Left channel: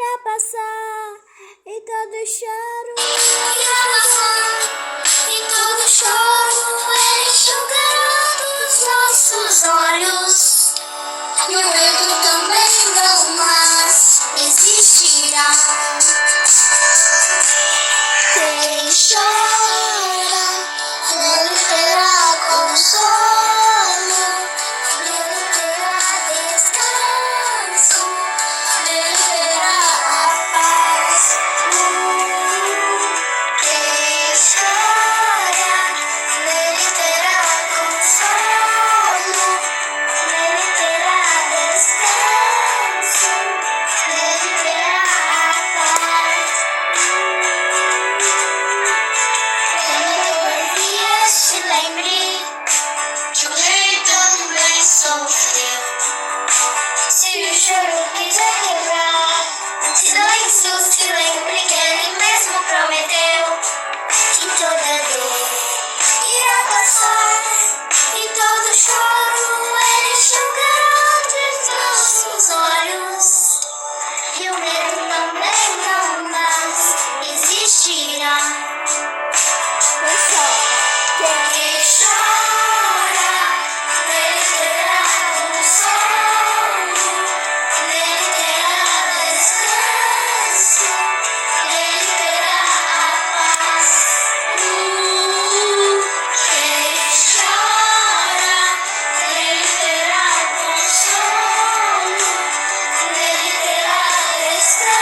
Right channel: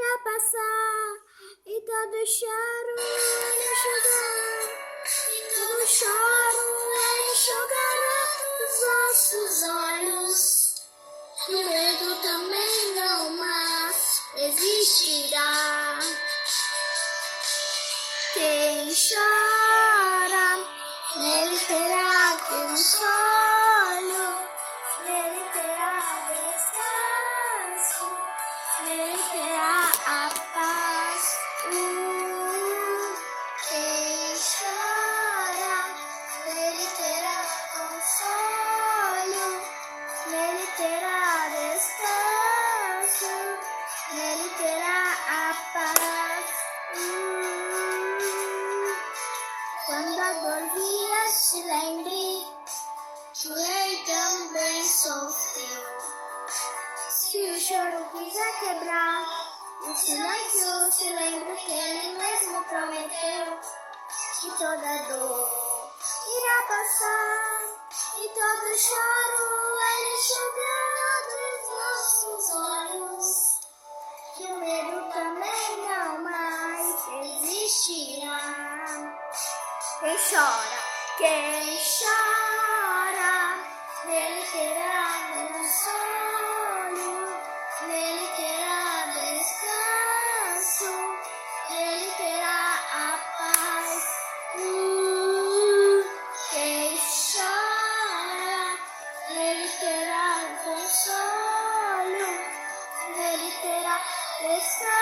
irá passar, e todo choro enxugará, e todo choro enxugará dos nossos olhos, e o medo também não mais existirá. Quem chora, nele terá consolo, nele terá descanso, nele terá a paz. Quem chora, nele terá consolo, nele terá descanso, nele terá a paz. Quando a poesia se lembre que o rei também sofreu. Se o choro quiser quebrar o silêncio, se lembre que ele mesmo prometeu que toda dor irá passar, e todo choro ele enxugará dos nossos olhos, e o medo também não mais existirá. quem chora, Quem chora, nele terá consolo, nele terá descanso, nele terá a paz. Quem chora, nele terá consolo, nele terá descanso.